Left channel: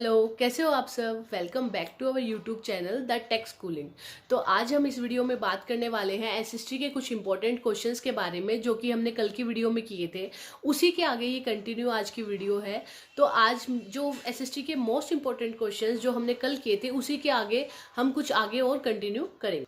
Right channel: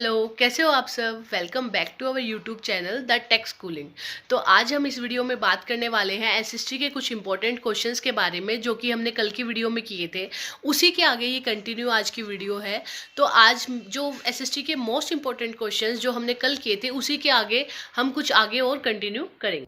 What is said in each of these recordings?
Hello, कैसे हो आप सब। Welcome back to our YouTube channel the tech schooling. तो आज हम इस वीडियो में बात करने वाले हैं एसएसटी के कुछ इंपॉर्टेंट क्वेश्चंस के बारे में जो कि हमने कल की वीडियो में किए थे। उसी के आगे ये कंटिन्यू आज की वीडियो है। तो आज जो एसएसटी के मोस्ट इंपॉर्टेंट क्वेश्चंस जो हमने कल किए थे उसी के आगे हम कुछ आगे और कंटिन्यू करेंगे।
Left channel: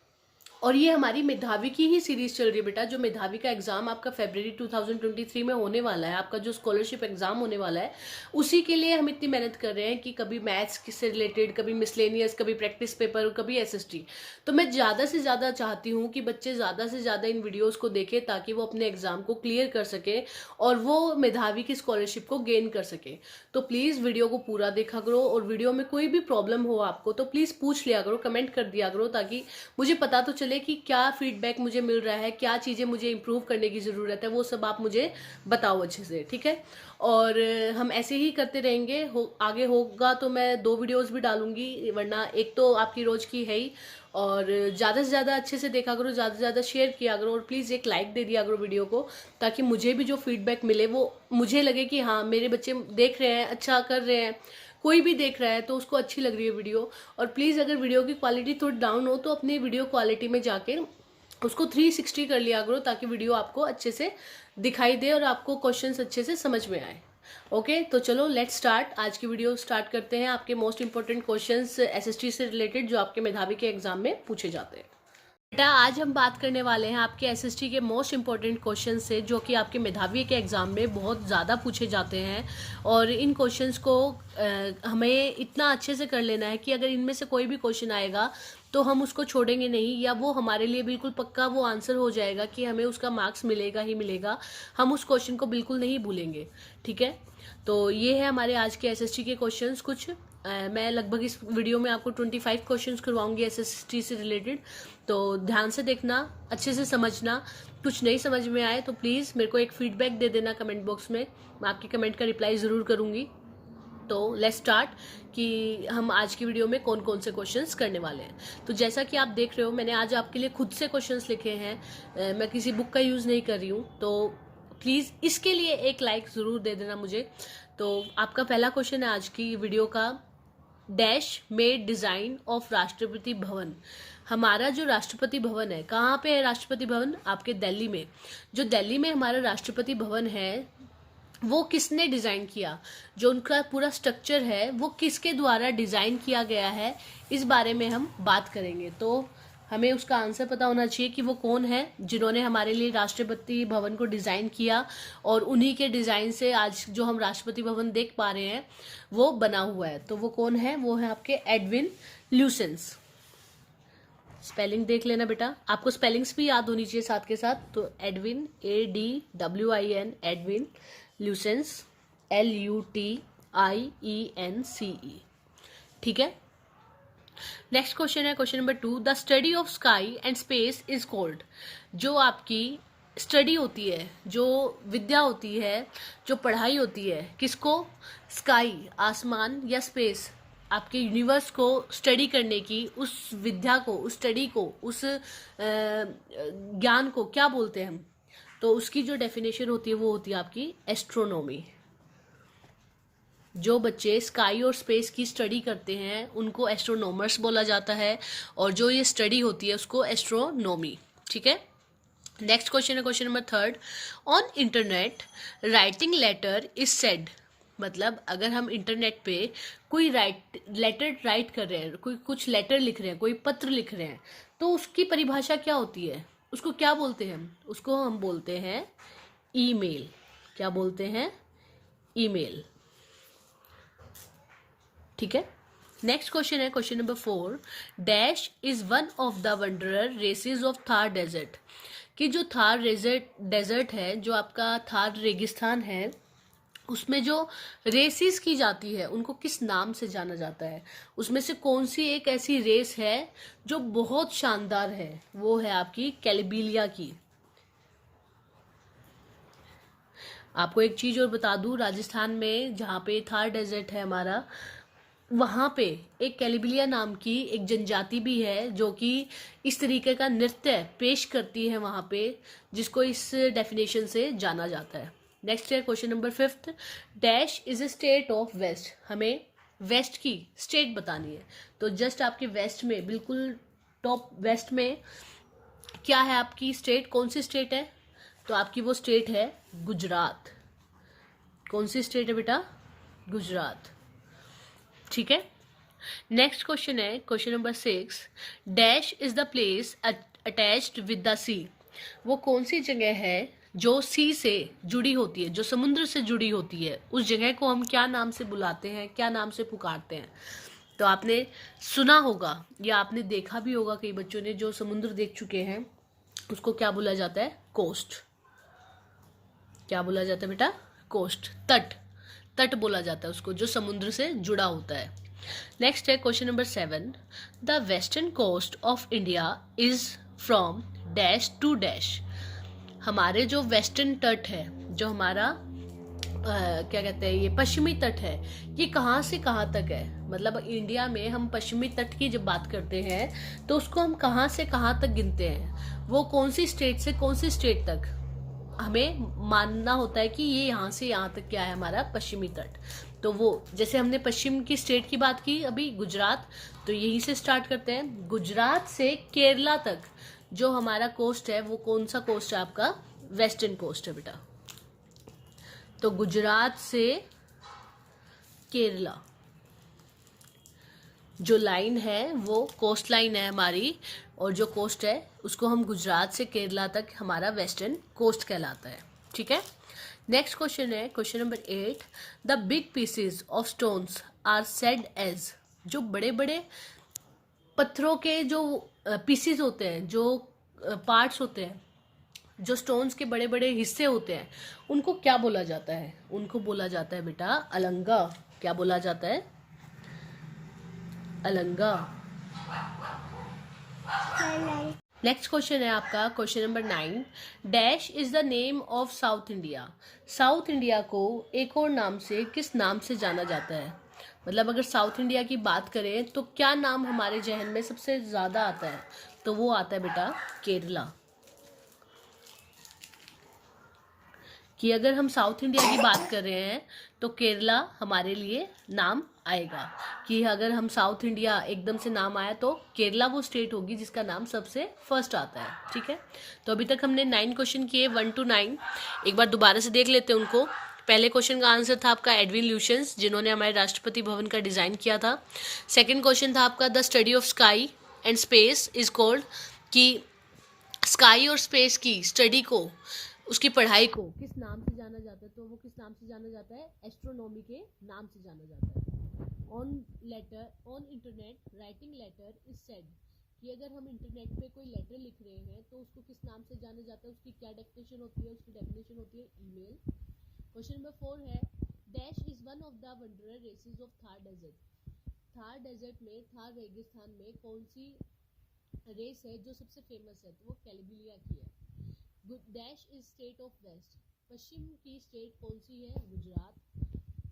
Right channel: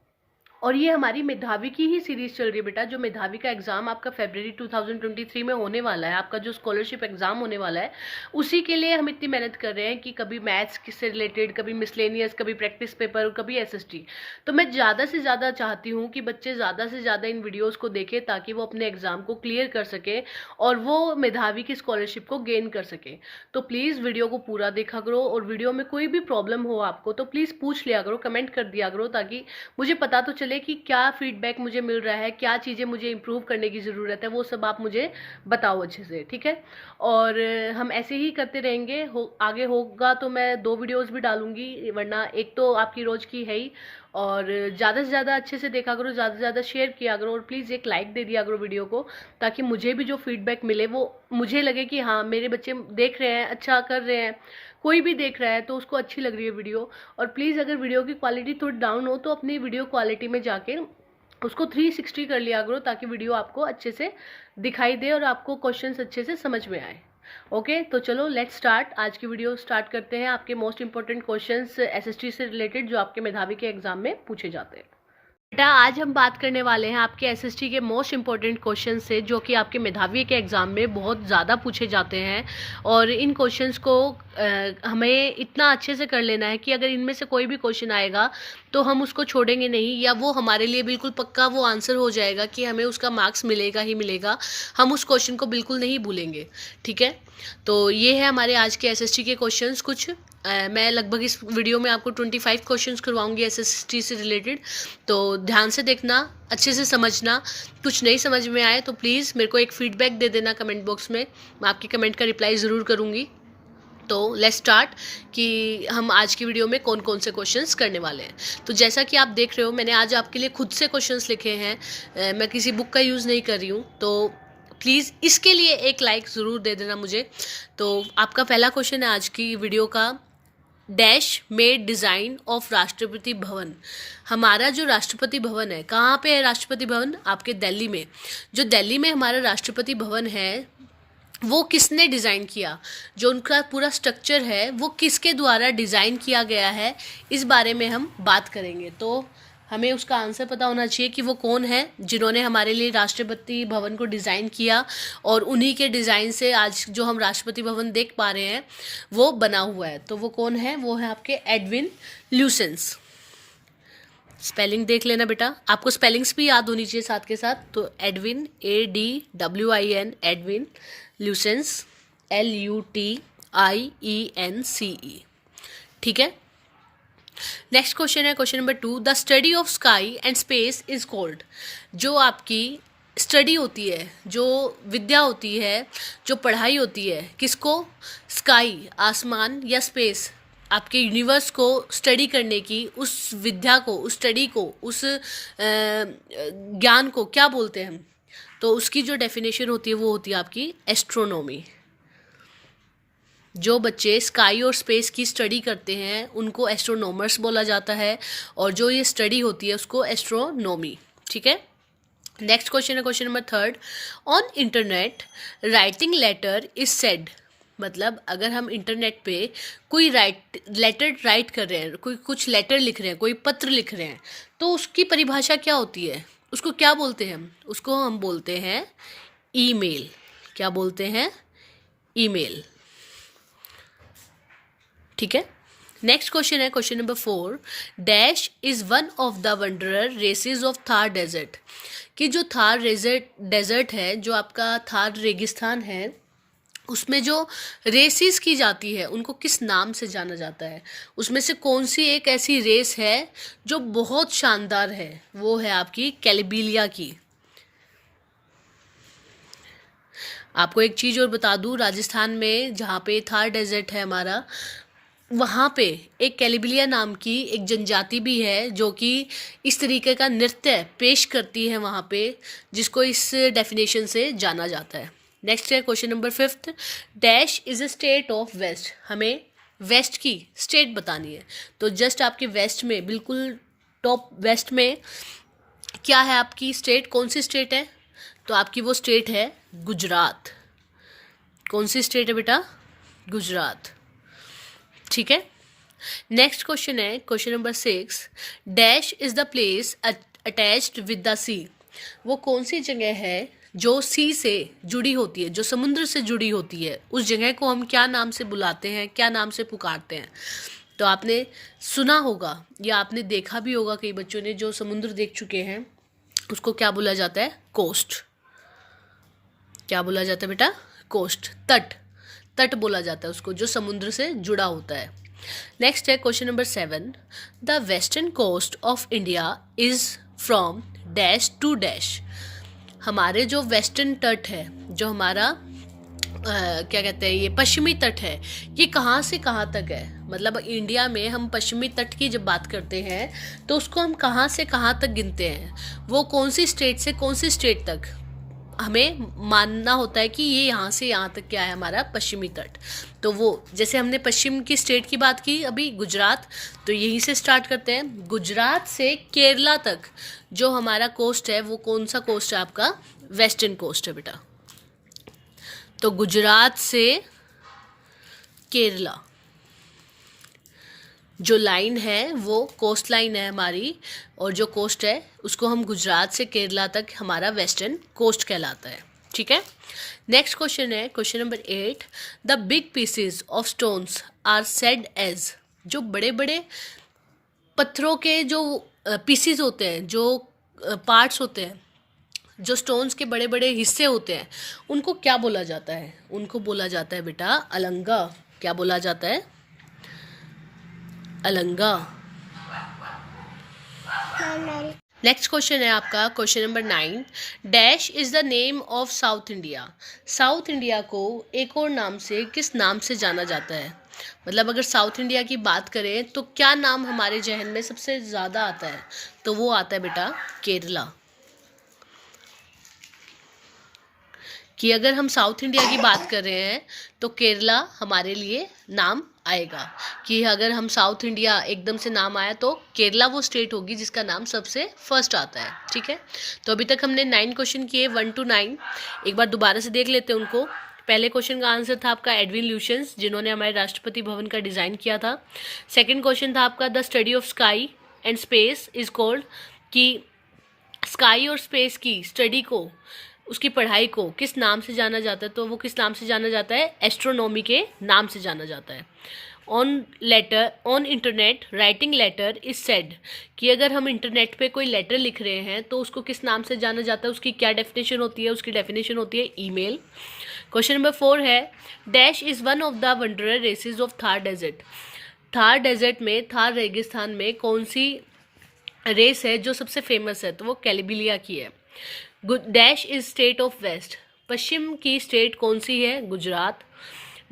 और ये हमारी मेधावी की ही सीरीज चल रही है बेटा। जो मेधावी का एग्जाम आपका फरवरी 2023 में होने वाला है, आपका जो स्कॉलरशिप एग्जाम होने वाला है, उसी के लिए हम इतनी मेहनत कर रहे हैं कि कभी मैथ्स से रिलेटेड, कभी मिसलेनियस, कभी प्रैक्टिस पेपर, कभी एसएसटी। तो मैं ज़्यादा से ज़्यादा चाहती हूँ कि बच्चे ज़्यादा से ज़्यादा इन वीडियोज़ को देखें ताकि वो अपने एग्जाम को क्लियर कर सके और वो मेधावी की स्कॉलरशिप को गेन कर सके। तो प्लीज़ वीडियो को पूरा देखा करो, और वीडियो में कोई भी प्रॉब्लम हो आपको तो प्लीज़ पूछ लिया करो, कमेंट कर दिया करो, ताकि मुझे पता तो चले कि क्या फीडबैक मुझे मिल रहा है, क्या चीज़ें मुझे इम्प्रूव करने की ज़रूरत है, वो सब आप मुझे बताओ अच्छे से, ठीक है। और हम ऐसे ही करते रहेंगे। आगे होगा तो मैं 2 वीडियोस भी डालूंगी, वरना एक तो आपकी रोज़ की है ही। और ज़्यादा से ज़्यादा अच्छे से देखा करो, ज़्यादा से ज़्यादा शेयर किया करो, और प्लीज़ एक लाइक दे दिया करो वीडियो को, ताकि मुझे भी जो फीडबैक मिले वो मुझे लगे कि हाँ मेरे बच्चे देख रहे हैं, अच्छा कर रहे हैं। कोई भी देख रहा है तो उसको अच्छी लग रही है वीडियो। और प्लीज़ अगर वीडियो की क्वालिटी थोड़ी डाउन हो तो अपनी वीडियो क्वालिटी में जाके उसको 360 कर लिया करो, ताकि वीडियो आपको अच्छे से दिखाई दे और आपको क्वेश्चंस अच्छे से समझ में आए। ओके, तो चलो लेट्स स्टार्ट। आज की वीडियो स्टार्ट करते हैं। आपके मोस्ट इंपॉर्टेंट क्वेश्चंस एसएसटी से रिलेटेड जो आपके मेधावी के एग्जाम में पूछे जाते हैं। बेटा आज हम बात करने वाले हैं आपके एसएसटी के मोस्ट इंपॉर्टेंट क्वेश्चन से जो कि आपके मेधावी के एग्जाम में बहुत ज़्यादा पूछे जाते हैं। और इन क्वेश्चंस को हमें इतना अच्छे से कर लेना है कि अगर इनमें से कोई भी क्वेश्चन आएगा तो हम उसको छोड़ेंगे नहीं, या वो हमारे लिए बिल्कुल पक्का वो आंसर हो जाएगा कि हमें उसका मार्क्स मिलेगा ही मिलेगा। हम उस क्वेश्चन को बिल्कुल नहीं भूलेंगे, ठीक है। तो ये है हमारे आज के एसएसटी के क्वेश्चंस कुछ। मैं लगभग इस वीडियो में आपको 25 क्वेश्चंस करवाऊंगी एसएसटी से रिलेटेड। तो ध्यान से देखना, अच्छे से समझना। कुछ नहीं समझ में आए तो प्लीज़ मेरे को एक फीडबैक दे देना कमेंट बॉक्स में, मैं आपकी कमेंट का रिप्लाई ज़रूर करूँगी। तो लेट्स स्टार्ट कि हम आज की वीडियो में कौन कौन से क्वेश्चंस करने वाले हैं। तो जैसा कि आप देख रहे हो मैंने आज आपके लिए खुद से क्वेश्चंस लिखे हैं। मैं किसी बुक का यूज़ नहीं कर रही हूँ। तो प्लीज़ इसके लिए एक लाइक ज़रूर दे देना मुझे। तो आपका पहला क्वेश्चन है आज की वीडियो का, dash made design of Rashtrapati Bhavan. हमारा जो राष्ट्रपति भवन है, कहाँ पे है राष्ट्रपति भवन? आपके दिल्ली में। जो दिल्ली में हमारा राष्ट्रपति भवन है वो किसने डिज़ाइन किया? जो उनका पूरा स्ट्रक्चर है वो किसके द्वारा डिज़ाइन किया गया है, इस बारे में हम बात करेंगे। तो हमें उसका आंसर पता होना चाहिए कि वो कौन है जिन्होंने हमारे लिए राष्ट्रपति भवन को डिज़ाइन किया, और उन्हीं के डिज़ाइन से आज जो हम राष्ट्रपति भवन देख पा रहे हैं वो बना हुआ है। तो वो कौन है? वो है आपके एडविन ल्यूसेंस। स्पेलिंग देख लेना बेटा, आपको स्पेलिंग्स भी याद होनी चाहिए साथ के साथ। तो एडविन, ADWIN, एडविन ल्यूसेंस, LUTIENCE, ठीक है। नेक्स्ट क्वेश्चन है question number 2, the study of sky and space is called. जो आपकी स्टडी होती है, जो विद्या होती है, जो पढ़ाई होती है, किसको? स्काई, आसमान, या स्पेस, आपके यूनिवर्स को स्टडी करने की उस विद्या को, उस स्टडी को, उस ज्ञान को क्या बोलते हैं हम? तो उसकी जो डेफिनेशन होती है वो होती है आपकी एस्ट्रोनॉमी। जो बच्चे स्काई और स्पेस की स्टडी करते हैं उनको एस्ट्रोनॉमर्स बोला जाता है, और जो ये स्टडी होती है उसको एस्ट्रोनॉमी, ठीक है। नेक्स्ट क्वेश्चन है question number 3, on internet writing letter is said. मतलब अगर हम इंटरनेट पे कोई लेटर राइट कर रहे हैं, कोई कुछ लेटर लिख रहे हैं, कोई पत्र लिख रहे हैं, तो उसकी परिभाषा क्या होती है? उसको क्या बोलते हैं हम? उसको हम बोलते हैं ईमेल। क्या बोलते हैं? ईमेल, ठीक है। नेक्स्ट क्वेश्चन है question number 4, dash is one of the wanderer races of Thar desert. कि जो थार डेजर्ट है, जो आपका थार रेगिस्तान है, उसमें जो रेसेस की जाती है उनको किस नाम से जाना जाता है? उसमें से कौन सी एक ऐसी रेस है जो बहुत शानदार है? वो है आपकी कैलिबिलिया की। आपको एक चीज़ और बता दूं, राजस्थान में जहाँ पे थार डेजर्ट है हमारा, वहाँ पे एक कैलिबिलिया नाम की एक जनजाति भी है जो कि इस तरीके का नृत्य पेश करती है वहाँ पे, जिसको इस डेफिनेशन से जाना जाता है। नेक्स्ट है question number 5, dash is a state of west. हमें वेस्ट की स्टेट बतानी है। तो जस्ट आपके वेस्ट में, बिल्कुल टॉप वेस्ट में क्या है आपकी स्टेट, कौन सी स्टेट है? तो आपकी वो स्टेट है गुजरात। कौन सी स्टेट है बेटा? गुजरात। ठीक है। नेक्स्ट क्वेश्चन है question number 6। Dash is the place attached with the sea. वो कौन सी जगह है जो सी से जुड़ी होती है, जो समुद्र से जुड़ी होती है? उस जगह को हम क्या नाम से बुलाते हैं, क्या नाम से पुकारते हैं? तो आपने सुना होगा या आपने देखा भी होगा, कई बच्चों ने जो समुद्र देख चुके हैं, उसको क्या बोला जाता है? कोस्ट। क्या बोला जाता है बेटा? कोस्ट, तट। तट बोला जाता है उसको, जो समुद्र से जुड़ा होता है। नेक्स्ट है question number 7। The western coast of India is from dash to dash. हमारे जो वेस्टर्न तट है, जो हमारा क्या कहते हैं, ये पश्चिमी तट है, ये कहाँ से कहाँ तक है? मतलब इंडिया में हम पश्चिमी तट की जब बात करते हैं तो उसको हम कहाँ से कहाँ तक गिनते हैं? वो कौन सी स्टेट से कौन सी स्टेट तक हमें मानना होता है कि ये यहाँ से यहाँ तक क्या है हमारा पश्चिमी तट? तो वो जैसे हमने पश्चिम की स्टेट की बात की अभी, गुजरात, तो यहीं से स्टार्ट करते हैं। गुजरात से केरला तक जो हमारा कोस्ट है, वो कौन सा कोस्ट है आपका? वेस्टर्न कोस्ट है बेटा। तो गुजरात से केरला जो लाइन है वो कोस्ट लाइन है हमारी, और जो कोस्ट है उसको हम गुजरात से केरला तक हमारा वेस्टर्न कोस्ट कहलाता है। ठीक है। नेक्स्ट क्वेश्चन है question number 8। The big pieces of stones are said as. जो बड़े बड़े पत्थरों के जो पीसीज होते हैं, जो पार्ट्स होते हैं, जो स्टोन्स के बड़े बड़े हिस्से होते हैं, उनको क्या बोला जाता है? उनको बोला जाता है बेटा अलंगा। क्या बोला जाता है? अलंगा। नेक्स्ट क्वेश्चन है आपका question number 9। Dash is the name of south India. South India को एक और नाम से किस नाम से जाना जाता है? मतलब अगर साउथ इंडिया की बात करें तो क्या नाम हमारे जहन में सबसे ज़्यादा आता है? तो वो आता है बेटा केरला। कि अगर हम साउथ इंडिया की बात कर रहे हैं तो केरला हमारे लिए नाम आएगा। कि अगर हम साउथ इंडिया एकदम से नाम आया तो केरला वो स्टेट होगी जिसका नाम सबसे फर्स्ट आता है। ठीक है। तो अभी तक हमने 9 क्वेश्चन किए, 1 to 9। एक बार दोबारा से देख लेते हैं उनको। पहले क्वेश्चन का आंसर था आपका एडविन ल्यूशंस, जिन्होंने हमारे राष्ट्रपति भवन का डिज़ाइन किया था। सेकेंड क्वेश्चन था आपका the study of sky and space is called. कि स्काई और स्पेस की स्टडी को, उसकी पढ़ाई को किस नाम से जाना जाता है? तो वो किस नाम से जाना जाता है? एस्ट्रोनॉमी के नाम से जाना जाता है। On internet writing letter is said. कि अगर हम इंटरनेट पे कोई लेटर लिख रहे हैं तो उसको किस नाम से जाना जाता है? उसकी क्या डेफिनेशन होती है? उसकी डेफिनेशन होती है ईमेल। क्वेश्चन नंबर 4 है dash is one of the wanderer races of Thar desert. Thar desert में, थार रेगिस्तान में कौन सी रेस है जो सबसे फेमस है? तो वो कैलिबिलिया की है। Dash is state of west. पश्चिम की स्टेट कौन सी है? Gujarat.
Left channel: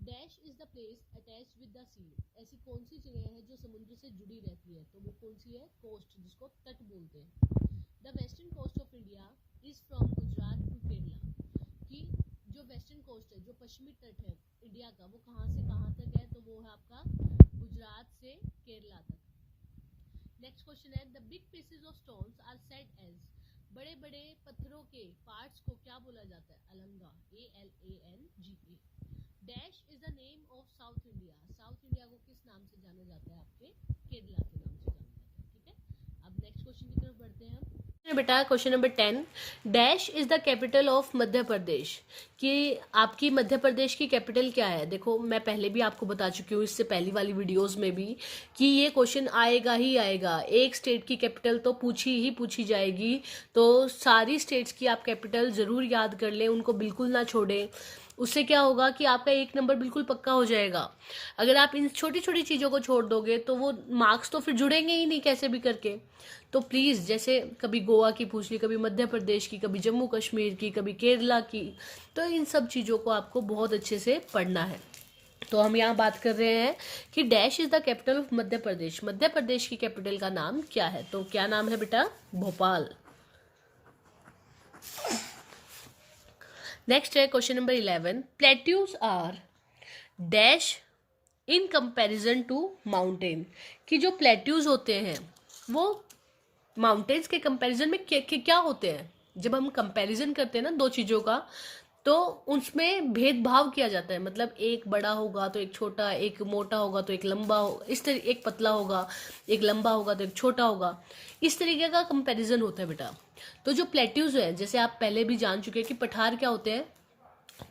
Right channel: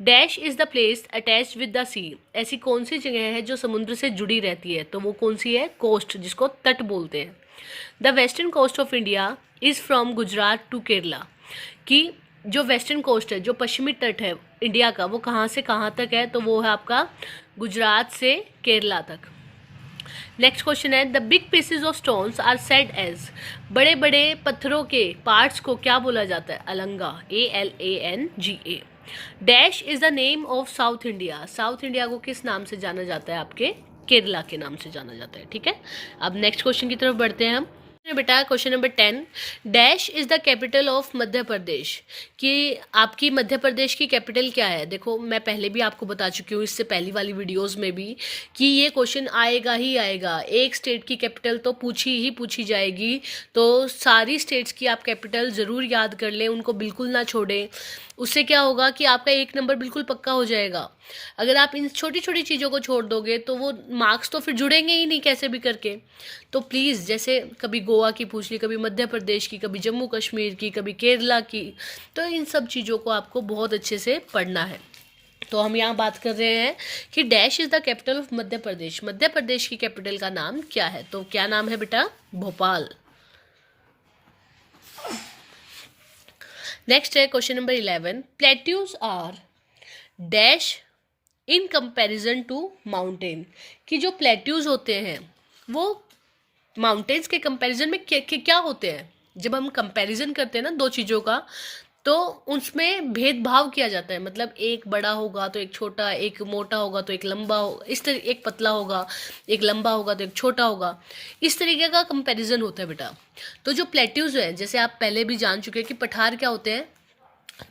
Dash is the place attached with the sea. ऐसी कौन सी जगह है जो समुद्र से जुड़ी रहती है? तो वो कौन सी है? कोस्ट, जिसको तट बोलते हैं। The western coast of India is from Gujarat to Kerala. कि जो वेस्टर्न कोस्ट है, जो पश्चिमी तट है इंडिया का, वो कहाँ से कहाँ तक है? तो वो है आपका गुजरात से केरला तक। नेक्स्ट क्वेश्चन है the big pieces of stones are said as. बड़े बड़े पत्थरों के पार्ट्स को क्या बोला जाता है? Elanga, ALANGA। Dash is the name of south India. South India को किस नाम से जाना जाता है? आपके केरला के नाम से जाना जाता है। ठीक है। अब नेक्स्ट क्वेश्चन की तरफ बढ़ते हैं हम। बेटा question number 10। Dash is the capital of Madhya Pradesh. कि आपकी मध्य प्रदेश की कैपिटल क्या है? देखो मैं पहले भी आपको बता चुकी हूँ, इससे पहली वाली वीडियोस में भी, कि ये क्वेश्चन आएगा ही आएगा। एक स्टेट की कैपिटल तो पूछी जाएगी। तो सारी स्टेट्स की आप कैपिटल ज़रूर याद कर लें, उनको बिल्कुल ना छोड़ें। उससे क्या होगा कि आपका 1 नंबर बिल्कुल पक्का हो जाएगा। अगर आप इन छोटी छोटी चीज़ों को छोड़ दोगे तो वो मार्क्स तो फिर जुड़ेंगे ही नहीं कैसे भी करके। तो प्लीज़, जैसे कभी गोवा की पूछ ली, कभी मध्य प्रदेश की, कभी जम्मू कश्मीर की, कभी केरला की, तो इन सब चीज़ों को आपको बहुत अच्छे से पढ़ना है। तो हम यहाँ बात कर रहे हैं कि dash is the capital of Madhya Pradesh. Madhya Pradesh की कैपिटल का नाम क्या है? तो क्या नाम है बेटा? भोपाल। नेक्स्ट है question number 11। Plateaus are dash in comparison to mountain, कि जो प्लेट्यूज होते हैं वो माउंटेन्स के कंपैरिजन में क्या होते हैं। जब हम कंपैरिजन करते हैं ना दो चीज़ों का, तो उसमें भेदभाव किया जाता है, मतलब एक बड़ा होगा तो एक छोटा, एक मोटा होगा तो एक लंबा हो, इस तरह एक पतला होगा, एक लंबा होगा तो एक छोटा होगा, इस तरीके का कंपैरिजन होता है बेटा। तो जो प्लेट्यूज है, जैसे आप पहले भी जान चुके हैं कि पठार क्या होते हैं,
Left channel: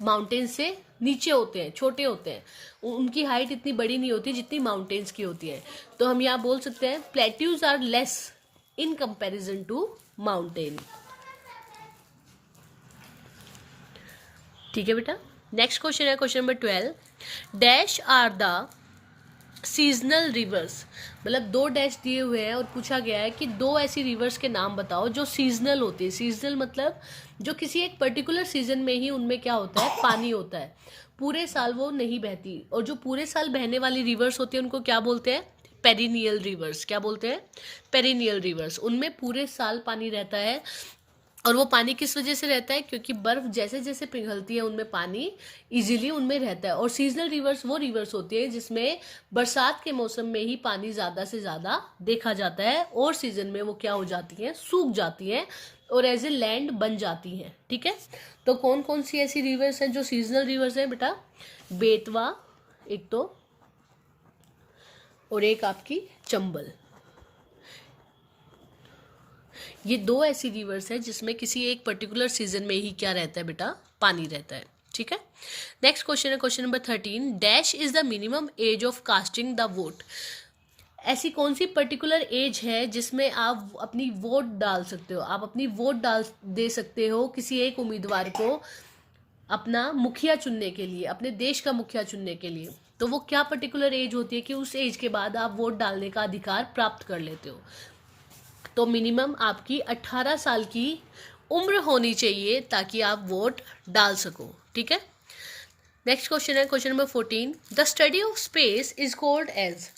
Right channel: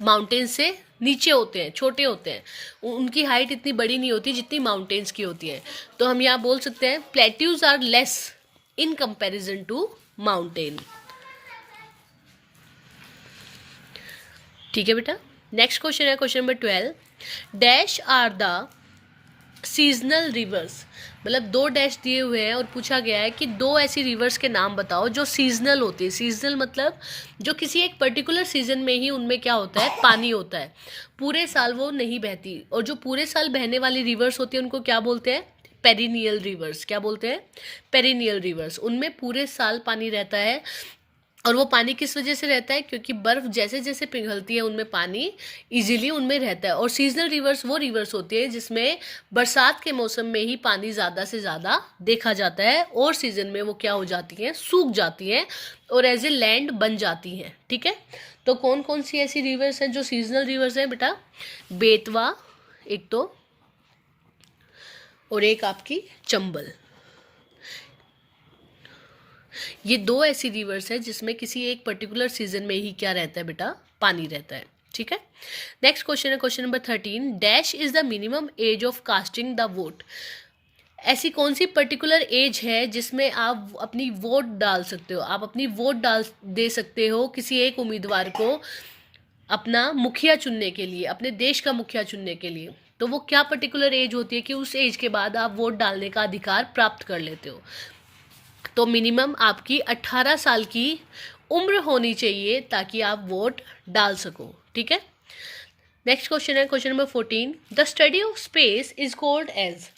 माउंटेन्स से नीचे होते हैं, छोटे होते हैं, उनकी हाइट इतनी बड़ी नहीं होती जितनी माउंटेन्स की होती है। तो हम यहाँ बोल सकते हैं plateaus are less in comparison to mountain. ठीक है बेटा। नेक्स्ट क्वेश्चन है question number 12, dash are the seasonal rivers, मतलब दो डैश दिए हुए हैं और पूछा गया है कि दो ऐसी रिवर्स के नाम बताओ जो सीजनल होती है। सीजनल मतलब जो किसी एक पर्टिकुलर सीजन में ही उनमें क्या होता है, पानी होता है, पूरे साल वो नहीं बहती। और जो पूरे साल बहने वाली रिवर्स होती है उनको क्या बोलते हैं, पेरिनियल रिवर्स। क्या बोलते हैं, पेरिनियल रिवर्स। उनमें पूरे साल पानी रहता है। और वो पानी किस वजह से रहता है, क्योंकि बर्फ जैसे जैसे पिघलती है उनमें पानी इजीली उनमें रहता है। और सीजनल रिवर्स वो रिवर्स होती है जिसमें बरसात के मौसम में ही पानी ज़्यादा से ज़्यादा देखा जाता है, और सीजन में वो क्या हो जाती हैं, सूख जाती हैं और एज ए लैंड बन जाती हैं। ठीक है। तो कौन कौन सी ऐसी रिवर्स हैं जो सीजनल रिवर्स हैं बेटा, बेतवा एक तो, और एक आपकी चंबल। ये दो ऐसी रिवर्स है जिसमें किसी एक पर्टिकुलर सीजन में ही क्या रहता है बेटा, पानी रहता है। ठीक है। नेक्स्ट क्वेश्चन है question number 13, dash is the minimum age of casting the vote. ऐसी कौन सी पर्टिकुलर एज है जिसमें आप अपनी वोट डाल सकते हो, आप अपनी वोट दे सकते हो किसी एक उम्मीदवार को अपना मुखिया चुनने के लिए, अपने देश का मुखिया चुनने के लिए। तो वो क्या पर्टिकुलर एज होती है कि उस एज के बाद आप वोट डालने का अधिकार प्राप्त कर लेते हो। तो मिनिमम आपकी 18 साल की उम्र होनी चाहिए ताकि आप वोट डाल सको। ठीक है। नेक्स्ट क्वेश्चन है question number 14, the study of space is called as.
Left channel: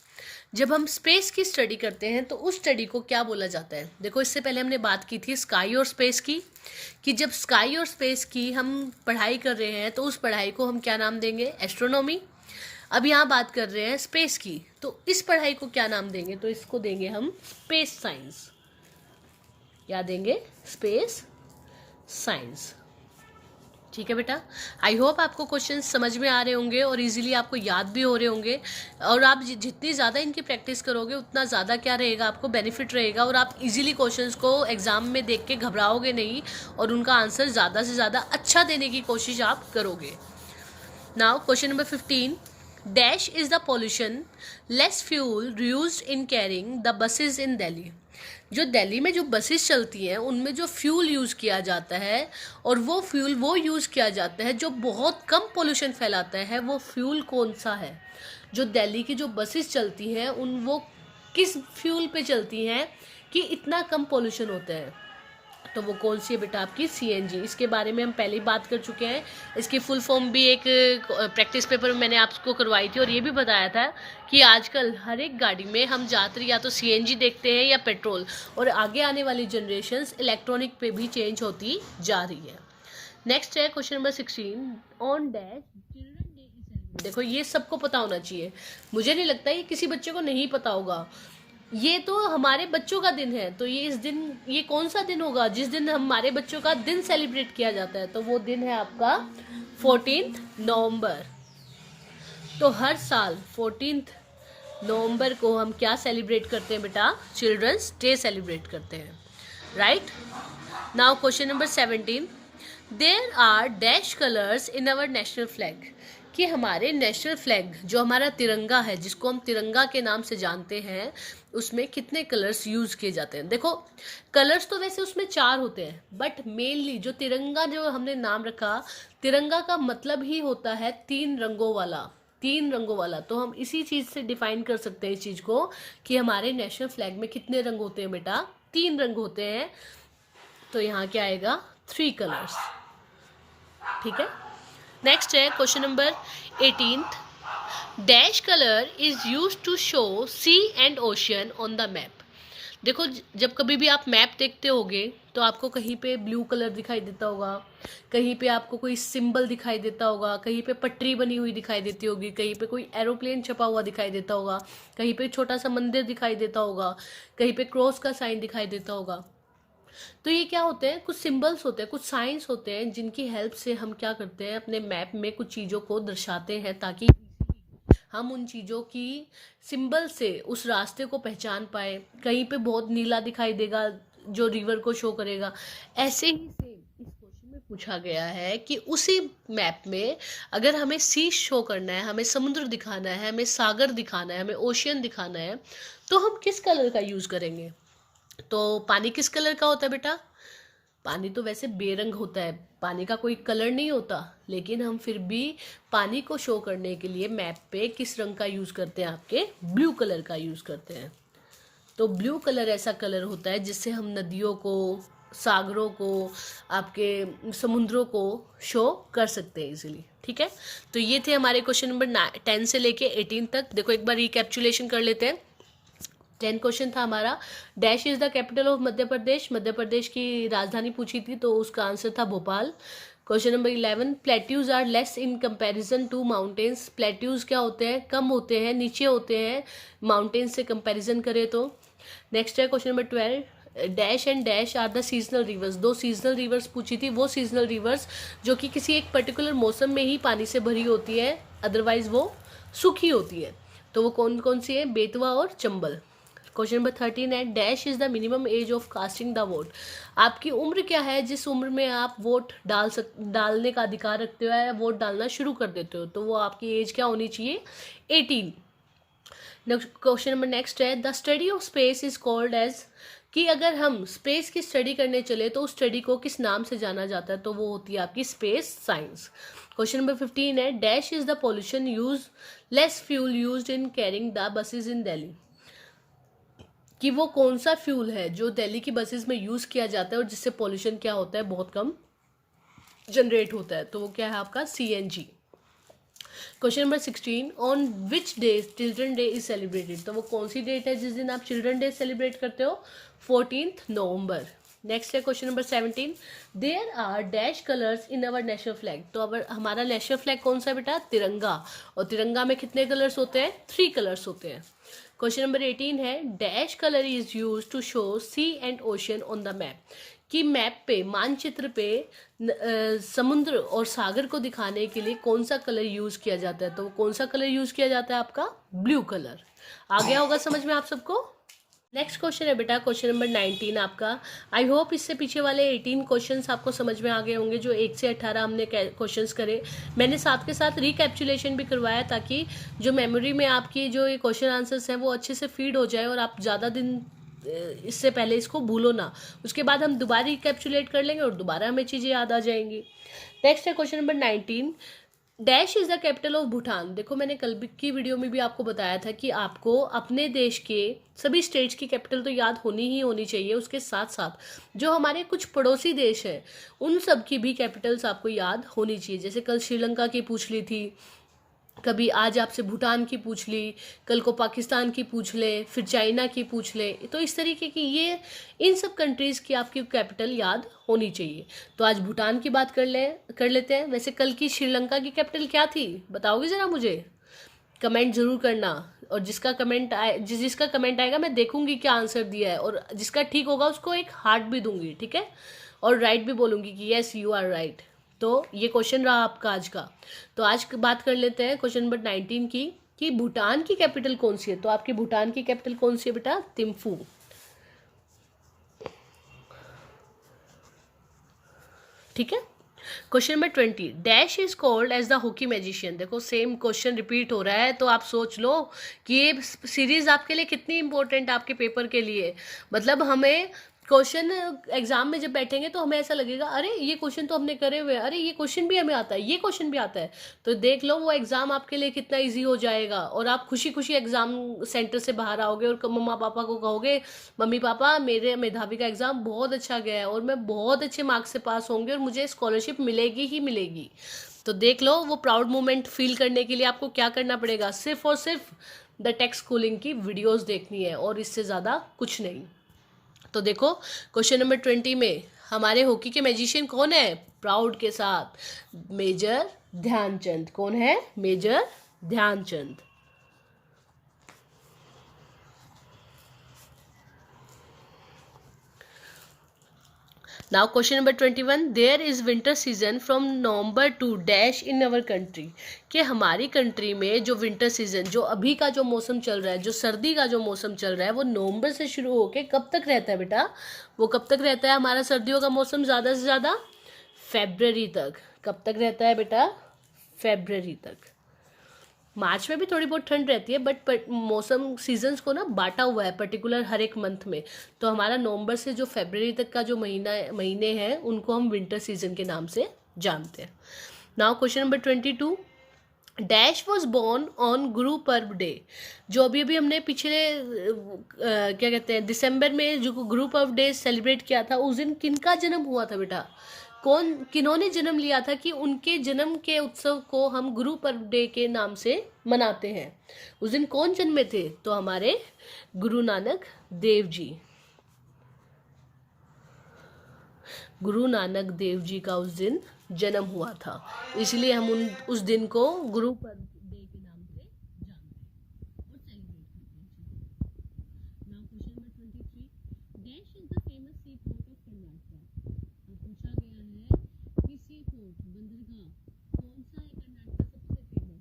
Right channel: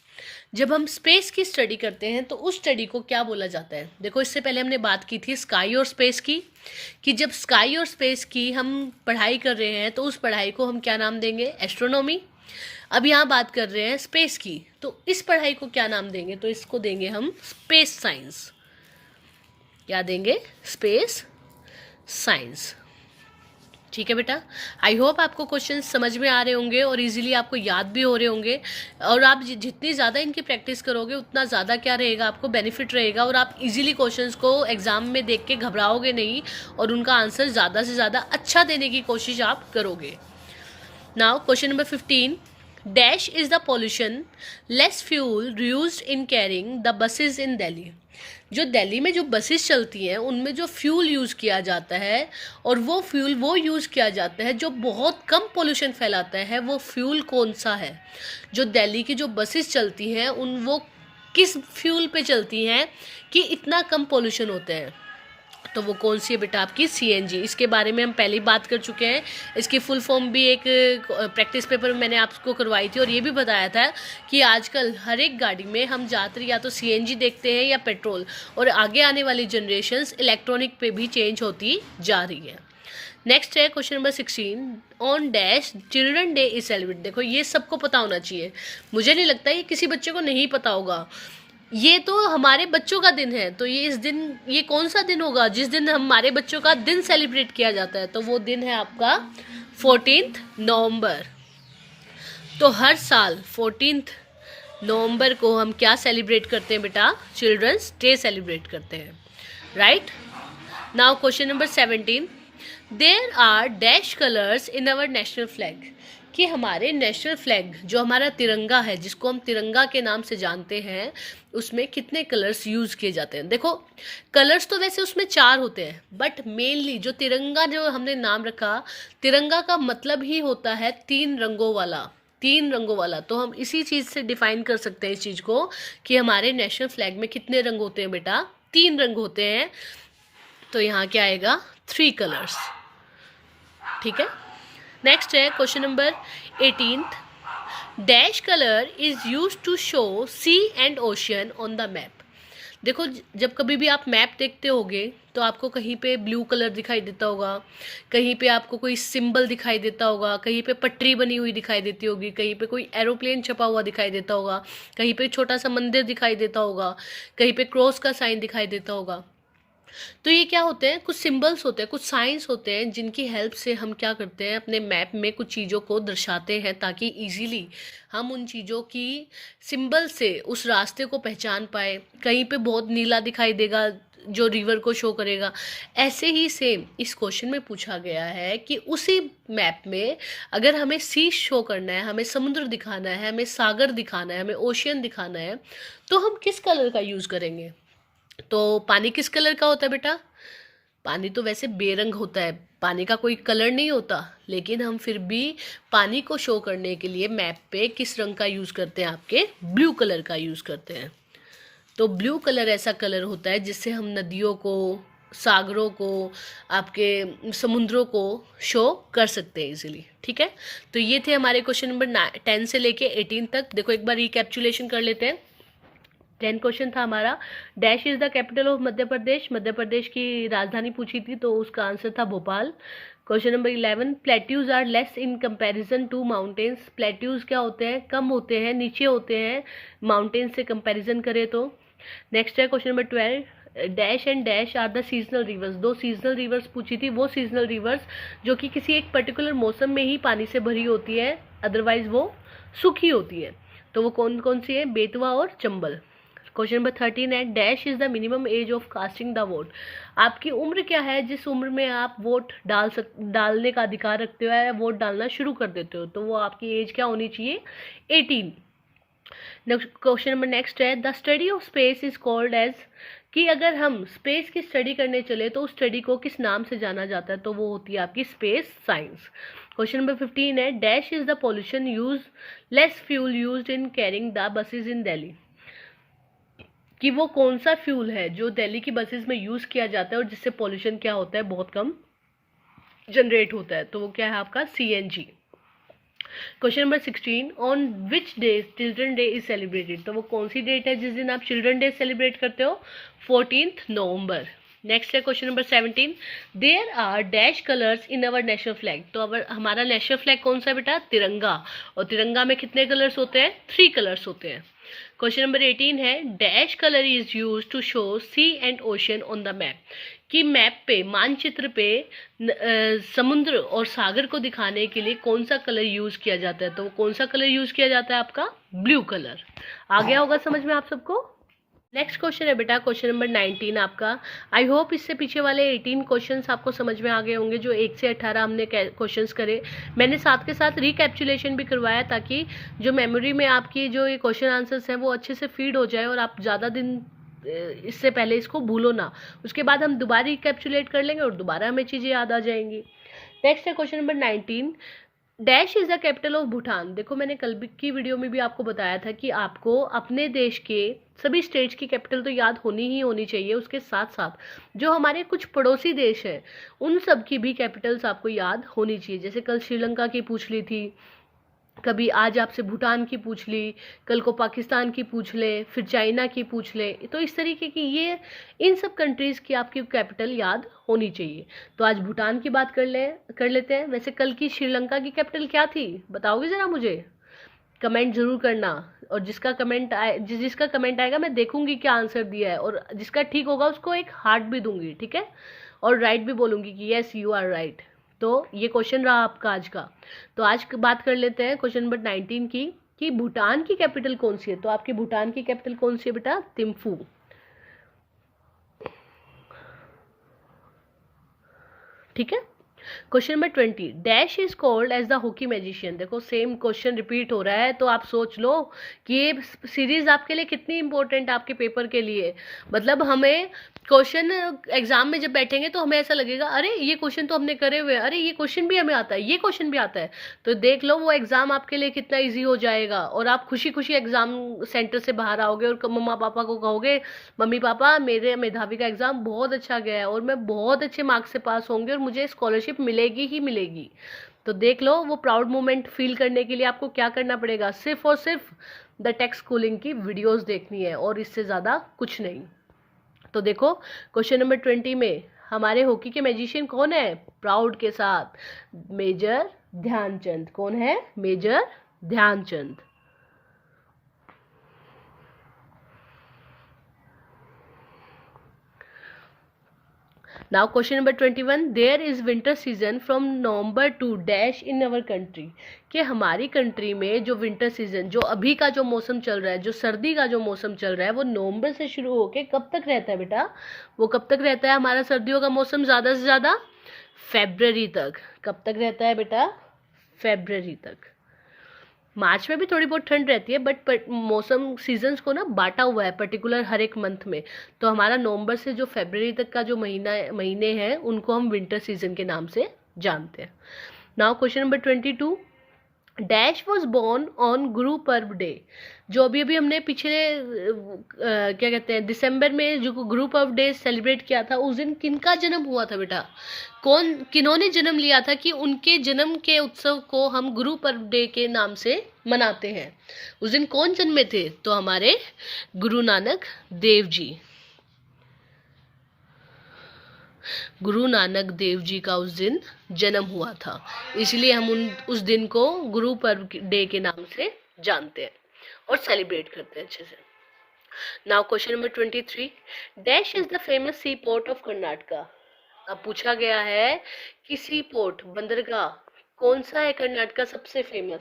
जब हम स्पेस की स्टडी करते हैं तो उस स्टडी को क्या बोला जाता है। देखो इससे पहले हमने बात की थी स्काई और स्पेस की, कि जब स्काई और स्पेस की हम पढ़ाई कर रहे हैं तो उस पढ़ाई को हम क्या नाम देंगे, एस्ट्रोनॉमी। अब यहाँ बात कर रहे हैं स्पेस की, तो इस पढ़ाई को क्या नाम देंगे, तो इसको देंगे हम स्पेस साइंस। क्या देंगे, स्पेस साइंस। ठीक है बेटा। आई होप आपको क्वेश्चन समझ में आ रहे होंगे और इजीली आपको याद भी हो रहे होंगे। और आप जितनी ज़्यादा इनकी प्रैक्टिस करोगे उतना ज़्यादा क्या रहेगा, आपको बेनिफिट रहेगा, और आप इजीली क्वेश्चंस को एग्जाम में देख के घबराओगे नहीं और उनका आंसर ज़्यादा से ज़्यादा अच्छा देने की कोशिश आप करोगे। Now question number 15, dash is the pollution less fuel used in carrying the buses in Delhi. जो दिल्ली में जो बसेस चलती हैं उनमें जो फ्यूल यूज़ किया जाता है, और वो फ्यूल वो यूज़ किया जाता है जो बहुत कम पोल्यूशन फैलाता है, वो फ्यूल कौन सा है। जो दिल्ली की जो बसेस चलती हैं वो किस फ्यूल पे चलती हैं कि इतना कम पोल्यूशन होता है, तो वो कौन सी है बेटा, आपकी CNG। इसके बारे में हम पहले ही बात कर चुके हैं। इसकी फुल फॉर्म भी एक प्रैक्टिस पेपर में मैंने आपको करवाई थी, और ये भी बताया था कि आजकल हर एक गाड़ी में हम ज़्यादातर या तो CNG देखते हैं या पेट्रोल, और आगे आने वाली जनरेशन्स इलेक्ट्रॉनिक पे भी चेंज होती जा रही है। नेक्स्ट है question number 16, on dash children day is celebrate. देखो ये सबको पता होना चाहिए, मुझे नहीं लगता ये किसी बच्चे को नहीं पता होगा। ये तो हमारे बच्चों का दिन है, तो ये इस दिन, ये कौन सा दिन होगा जिस दिन हमारे बच्चों का दिन सेलिब्रेट किया जाता है, तो वो दिन है आपका 14 नवंबर। तो हर साल 14 नवंबर को हम क्या सेलिब्रेट करते हैं बेटा, चिल्ड्रंस डे सेलिब्रेट करते हैं। Right. Now question number 17, there are dash colours in our national flag. कि हमारे नेशनल फ्लैग जो हमारा तिरंगा है, जिसको हम तिरंगा के नाम से जानते हैं, उसमें कितने कलर्स यूज़ किए जाते हैं। देखो कलर्स तो वैसे उसमें 4 होते हैं, बट मेनली जो तिरंगा जो हमने नाम रखा, तिरंगा का मतलब ही होता है 3 रंगों वाला, 3 रंगों वाला। तो हम इसी चीज़ से डिफाइन कर सकते हैं इस चीज़ को कि हमारे नेशनल फ्लैग में कितने रंग होते हैं बेटा, 3 रंग होते हैं। तो यहाँ क्या आएगा, 3 कलर्स। ठीक है। नेक्स्ट है question number 18, dash colour is used to show sea and ocean on the map. देखो जब कभी भी आप मैप देखते होगे तो आपको कहीं पे ब्लू कलर दिखाई देता होगा, कहीं पे आपको कोई सिंबल दिखाई देता होगा, कहीं पे पटरी बनी हुई दिखाई देती होगी, कहीं पे कोई एरोप्लेन छपा हुआ दिखाई देता होगा, कहीं पे छोटा सा मंदिर दिखाई देता होगा, कहीं पे क्रॉस का साइन दिखाई देता होगा। तो ये क्या होते हैं, कुछ सिंबल्स होते हैं, कुछ साइंस होते हैं जिनकी हेल्प से हम क्या करते हैं, अपने मैप में कुछ चीज़ों को दर्शाते हैं ताकि इजीली हम उन चीज़ों की सिंबल से उस रास्ते को पहचान पाए। कहीं पे बहुत नीला दिखाई देगा जो रिवर को शो करेगा। ऐसे ही सेम इस क्वेश्चन में पूछा गया है कि उसी मैप में अगर हमें सी शो करना है, हमें समुद्र दिखाना है, हमें सागर दिखाना है, हमें ओशियन दिखाना है, तो हम किस कलर का यूज़ करेंगे। तो पानी किस कलर का होता है बेटा? पानी तो वैसे बेरंग होता है, पानी का कोई कलर नहीं होता, लेकिन हम फिर भी पानी को शो करने के लिए मैप पे किस रंग का यूज़ करते हैं, आपके ब्लू कलर का यूज़ करते हैं। तो ब्लू कलर ऐसा कलर होता है जिससे हम नदियों को, सागरों को, आपके समुद्रों को शो कर सकते हैं इजीली। ठीक है, तो ये थे हमारे क्वेश्चन नंबर 10 से लेके 18 तक। देखो एक बार रिकैप्चुलेशन कर लेते हैं। 10 क्वेश्चन था हमारा, dash is the capital of Madhya Pradesh, Madhya Pradesh की राजधानी पूछी थी तो उसका आंसर था Bhopal. Question number 11, plateaus are less in comparison to mountains, plateaus क्या होते हैं, कम होते हैं, नीचे होते हैं माउंटेन्स से कंपैरिजन करें तो। नेक्स्ट है question number 12, dash and dash are the seasonal rivers, दो सीजनल रिवर्स पूछी थी, वो सीजनल रिवर्स जो कि किसी एक पर्टिकुलर मौसम में ही पानी से भरी होती है, अदरवाइज वो सूखी होती है। तो वो कौन कौन सी है, बेतवा और चंबल। क्वेश्चन नंबर 13 है, dash is the minimum age of casting the vote, आपकी उम्र क्या है जिस उम्र में आप वोट डालने का अधिकार रखते हो या वोट डालना शुरू कर देते हो, तो वो आपकी एज क्या होनी चाहिए, 18। क्वेश्चन नंबर नेक्स्ट है, the study of space is called as, कि अगर हम स्पेस की स्टडी करने चले तो उस स्टडी को किस नाम से जाना जाता है, तो वो होती है आपकी स्पेस साइंस। क्वेश्चन नंबर 15 है, dash is the pollution use less fuel used in carrying the buses in Delhi, कि वो कौन सा फ्यूल है जो दिल्ली की बसेस में यूज़ किया जाता है और जिससे पॉल्यूशन क्या होता है, बहुत कम जनरेट होता है, तो वो क्या है आपका CNG। Question number 16, on which day children day is celebrated, तो वो कौन सी डेट है जिस दिन आप चिल्ड्रन डे सेलिब्रेट करते हो, 14 नवंबर। नेक्स्ट है question number 17, there are dash colours in our national flag, तो अवर हमारा नेशनल फ्लैग कौन सा है बेटा, तिरंगा, और तिरंगा में कितने कलर्स होते हैं, 3 कलर्स होते हैं। क्वेश्चन नंबर 18 है, dash colour is use to show sea and ocean on the map, कि मैप पे, मानचित्र पे समुद्र और सागर को दिखाने के लिए कौन सा कलर यूज किया जाता है, तो कौन सा कलर यूज किया जाता है आपका, ब्लू कलर। आ गया होगा समझ में आप सबको। नेक्स्ट क्वेश्चन है बेटा क्वेश्चन नंबर 19 आपका। आई होप इससे पीछे वाले 18 क्वेश्चंस आपको समझ में आ गए होंगे, जो 1 से 18 हमने क्वेश्चंस करे। मैंने साथ के साथ रिकैप्चुलेशन भी करवाया ताकि जो मेमोरी में आपकी जो ये क्वेश्चन आंसर्स हैं वो अच्छे से फीड हो जाए और आप ज़्यादा दिन इससे पहले इसको भूलो ना। उसके बाद हम दोबारा रिकैप्चुलेट कर लेंगे और दोबारा हमें चीज़ें याद आ जाएंगी। नेक्स्ट है question number 19, dash is the capital of Bhutan. देखो मैंने कल की वीडियो में भी आपको बताया था कि आपको अपने देश के सभी स्टेट्स की कैपिटल तो याद होनी ही होनी चाहिए, उसके साथ साथ जो हमारे कुछ पड़ोसी देश हैं उन सब की भी कैपिटल्स आपको याद होनी चाहिए। जैसे कल श्रीलंका की पूछ ली थी, कभी आज आपसे भूटान की पूछ ली, कल को पाकिस्तान की पूछ ले, फिर चाइना की पूछ ले, तो इस तरीके की ये इन सब कंट्रीज़ की आपकी कैपिटल याद होनी चाहिए। तो आज भूटान की बात कर लेते हैं। वैसे कल की श्रीलंका की कैपिटल क्या थी, बताओगे ज़रा मुझे, कमेंट ज़रूर करना। और जिसका कमेंट आएगा मैं देखूंगी क्या आंसर दिया है, और जिसका ठीक होगा उसको एक हार्ट भी दूंगी, ठीक है, और राइट भी बोलूँगी कि येस यू आर राइट। तो ये क्वेश्चन रहा आपका आज का। तो आज बात कर लेते हैं क्वेश्चन नंबर 19 की, कि भूटान की कैपिटल कौन सी है। तो आपकी भूटान की कैपिटल कौन सी है बेटा, थिम्फू। ठीक है। Question number 20, dash is called as the hockey magician. देखो सेम क्वेश्चन रिपीट हो रहा है, तो आप सोच लो कि ये सीरीज आपके लिए कितनी इंपॉर्टेंट, आपके पेपर के लिए। मतलब हमें क्वेश्चन एग्जाम में जब बैठेंगे तो हमें ऐसा लगेगा अरे ये क्वेश्चन तो हमने करे हुए, अरे ये क्वेश्चन भी हमें आता है, ये क्वेश्चन भी आता है। तो देख लो वो एग्जाम आपके लिए कितना इजी हो जाएगा, और आप खुशी खुशी एग्जाम सेंटर से बाहर आओगे और मम्मा पापा को कहोगे, मम्मी पापा मेरे मेधावी का एग्जाम बहुत अच्छा गया है और मैं बहुत अच्छे मार्क्स से पास होंगे और मुझे स्कॉलरशिप मिलेगी ही मिलेगी। तो देख लो वो प्राउड मोमेंट फील करने के लिए आपको क्या करना पड़ेगा, सिर्फ और सिर्फ द टेक स्कूलिंग की वीडियोस देखनी है और इससे ज़्यादा कुछ नहीं। तो देखो क्वेश्चन नंबर 20 में हमारे हॉकी के मैजिशियन कौन है? प्राउड के साथ मेजर ध्यानचंद। कौन है? Major Dhyan Chand. Now question number 21, there is winter season from November to dash in our country. कि हमारी कंट्री में जो विंटर सीजन, जो अभी का जो मौसम चल रहा है, जो सर्दी का जो मौसम चल रहा है, वो नवंबर से शुरू होके कब तक रहता है बेटा? वो कब तक रहता है हमारा सर्दियों का मौसम? ज़्यादा से ज़्यादा फेब्रवरी तक। कब तक रहता है बेटा? फेब्रवरी तक। मार्च में भी थोड़ी बहुत ठंड रहती है, बट मौसम सीजन्स को ना बांटा हुआ है पर्टिकुलर हर एक मंथ में। तो हमारा नवंबर से जो फरवरी तक का जो महीने हैं उनको हम विंटर सीजन के नाम से जानते हैं। Now question number 22, dash was born on Guru Parv day. जो अभी अभी हमने पिछले क्या कहते हैं दिसंबर में जो गुरु पर्व डे सेलिब्रेट किया था, उस दिन किनका जन्म हुआ था बेटा? किन्होंने जन्म लिया था कि उनके जन्म के उत्सव को हम गुरु पर्व डे के नाम से मनाते हैं? उस दिन कौन जन्मे थे? तो हमारे गुरु नानक देव जी। गुरु नानक देव जी का उस दिन जन्म हुआ था, इसलिए हम उस दिन को गुरु पर्व डे के नाम से जानते हैं और सेलिब्रेट करते हैं अच्छे से। Now question number 23, dash is the famous sea port of Karnataka. अब पूछा गया है कि सी पोर्ट, बंदरगाह कौन सा है कर्नाटका सबसे फेमस?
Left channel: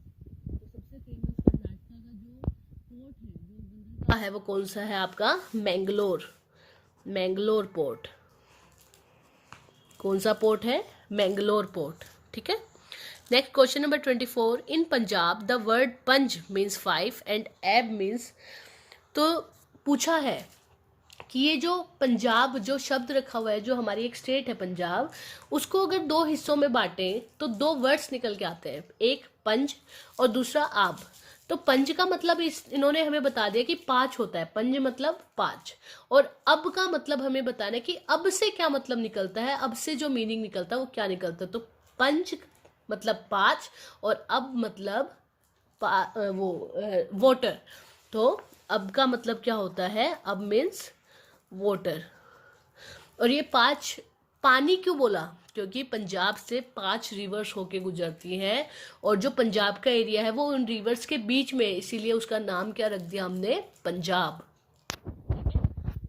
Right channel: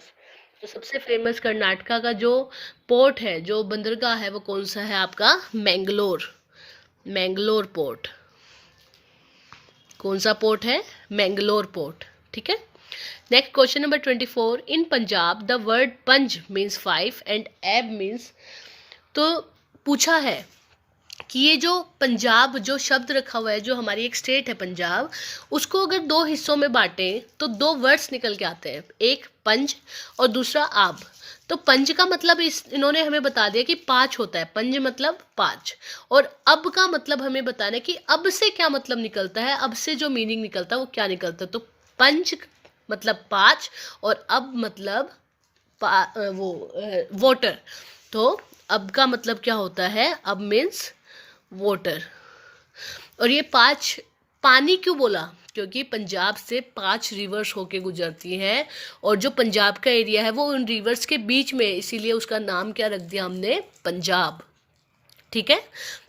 तो सबसे फेमस कर्नाटका का जो पोर्ट है, जो बंदरगाह है, वो कौन सा है आपका? मैंगलोर। मैंगलोर पोर्ट। कौन सा पोर्ट है? मैंगलोर पोर्ट। ठीक है। Next question number 24, in Punjab the word पंज मीन्स 5 एंड एब मीन्स। तो पूछा है कि ये जो पंजाब जो शब्द रखा हुआ है, जो हमारी एक स्टेट है पंजाब, उसको अगर दो हिस्सों में बांटें तो दो वर्ड्स निकल के आते हैं, एक पंज और दूसरा आब। तो पंज का मतलब इन्होंने हमें बता दिया कि 5 होता है, पंज मतलब 5, और अब का मतलब हमें बताना है कि अब से क्या मतलब निकलता है, अब से जो मीनिंग निकलता है वो क्या निकलता है। तो पंज मतलब 5 और अब मतलब वाटर। तो अब का मतलब क्या होता है? अब मीन्स वाटर। और ये 5 पानी क्यों बोला? क्योंकि पंजाब से 5 रिवर्स होके गुजरती हैं और जो पंजाब का एरिया है वो उन रिवर्स के बीच में, इसीलिए उसका नाम क्या रख दिया हमने? पंजाब। ठीक है।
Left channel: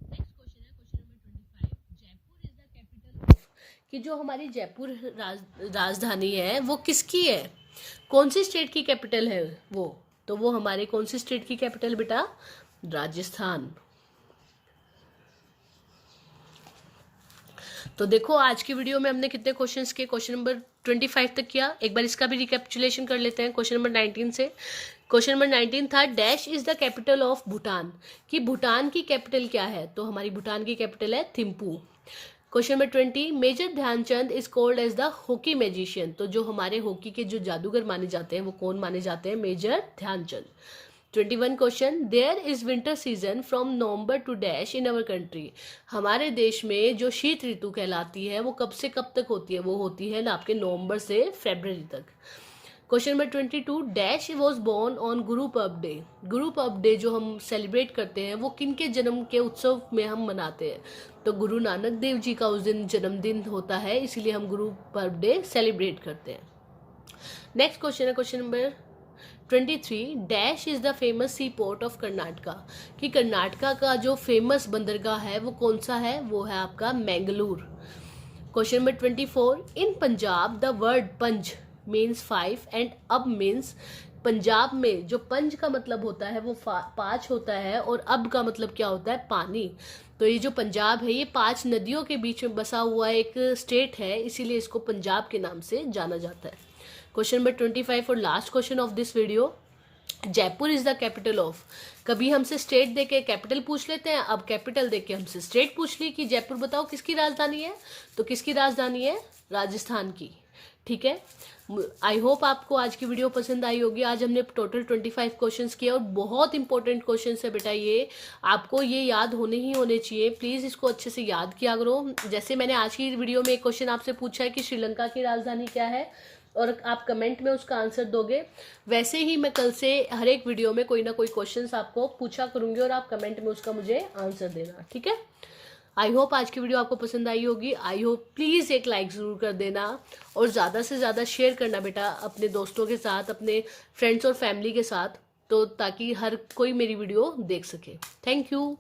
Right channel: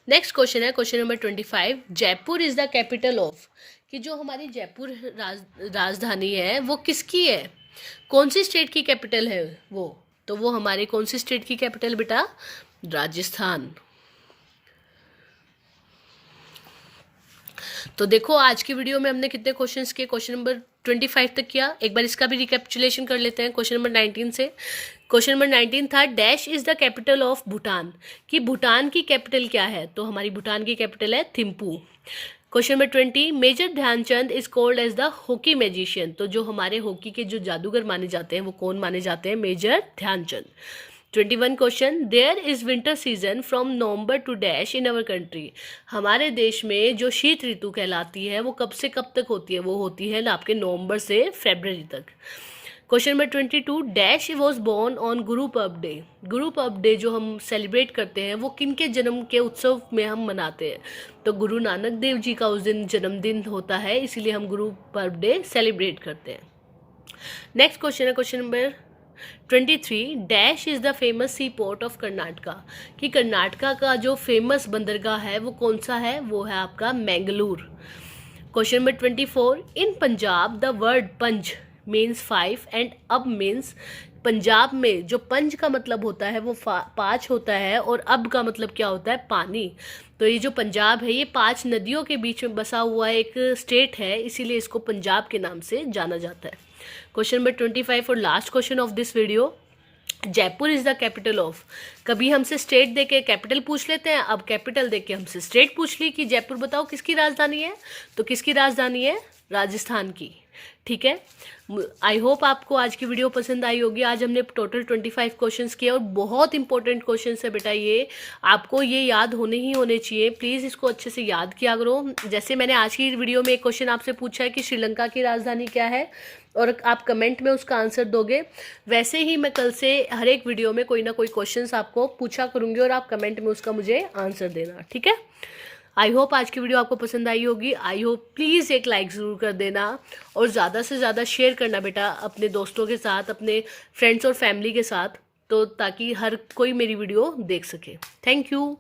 नेक्स्ट क्वेश्चन है question number 25, Jaipur is the capital of. कि जो हमारी जयपुर राजधानी है वो किसकी है? कौन सी स्टेट की कैपिटल है वो? तो वो हमारी कौन सी स्टेट की कैपिटल बेटा? राजस्थान। तो देखो आज की वीडियो में हमने कितने क्वेश्चंस किए? क्वेश्चन नंबर 25 तक किया। एक बार इसका भी रिकैपिचुलेशन कर लेते हैं क्वेश्चन नंबर 19 से। क्वेश्चन नंबर 19 था, dash is the capital of Bhutan. कि भूटान की कैपिटल क्या है? तो हमारी भूटान की कैपिटल है Thimphu. Question number 20, major Dhyan Chand is called as the hockey magician. तो जो हमारे हॉकी के जो जादूगर माने जाते हैं वो कौन माने जाते हैं? Major Dhyan Chand. 21 question, there is winter season from November to dash in our country. हमारे देश में जो शीत ऋतु कहलाती है वो कब से कब तक होती है? वो होती है आपके नवंबर से फरवरी तक। Question number 22, dash was born on Guru Parv day. Guru Parv day जो हम सेलिब्रेट करते हैं वो किन के जन्म के उत्सव में हम मनाते हैं? तो गुरु नानक देव जी का उस दिन जन्मदिन होता है, इसीलिए हम गुरु पर्व डे सेलिब्रेट करते हैं। नेक्स्ट क्वेश्चन है question number 23, dash is the famous sea port of Karnataka. कि कर्नाटका का जो फेमस बंदरगाह है वो कौन सा है? वो है आपका Mangalore. Question number 24, in Punjab the word पंज मीन्स 5 एंड अब मीन्स। पंजाब में जो पंज का मतलब होता है वो 5 होता है और अब का मतलब क्या होता है? पानी। तो ये जो पंजाब है ये 5 नदियों के बीच में बसा हुआ एक स्टेट है, इसीलिए इसको पंजाब के नाम से जाना जाता है। क्वेश्चन नंबर 25 और last question of this video, Jaipur is the capital of. कभी हमसे स्टेट देके कैपिटल पूछ लेते हैं, अब कैपिटल देके हमसे स्टेट पूछ ली कि जयपुर बताओ किसकी राजधानी है? तो किसकी राजधानी है? राजस्थान की। ठीक है। आई होप आपको आज की वीडियो पसंद आई होगी। आज हमने टोटल 25 क्वेश्चंस किए और बहुत इंपॉर्टेंट क्वेश्चंस है बेटा ये, आपको ये याद होने ही होने चाहिए। प्लीज़ इसको अच्छे से याद किया करो। जैसे मैंने आज की वीडियो में एक क्वेश्चन आपसे पूछा है कि श्रीलंका की राजधानी क्या है, और आप कमेंट में उसका आंसर दोगे, वैसे ही मैं कल से हर एक वीडियो में कोई ना कोई क्वेश्चंस आपको पूछा करूँगी और आप कमेंट में उसका मुझे आंसर देना। ठीक है। आई होप आज की वीडियो आपको पसंद आई होगी। आई होप प्लीज़ एक लाइक ज़रूर कर देना और ज़्यादा से ज़्यादा शेयर करना बेटा अपने दोस्तों के साथ, अपने फ्रेंड्स और फैमिली के साथ, तो ताकि हर कोई मेरी वीडियो देख सके। Thank you.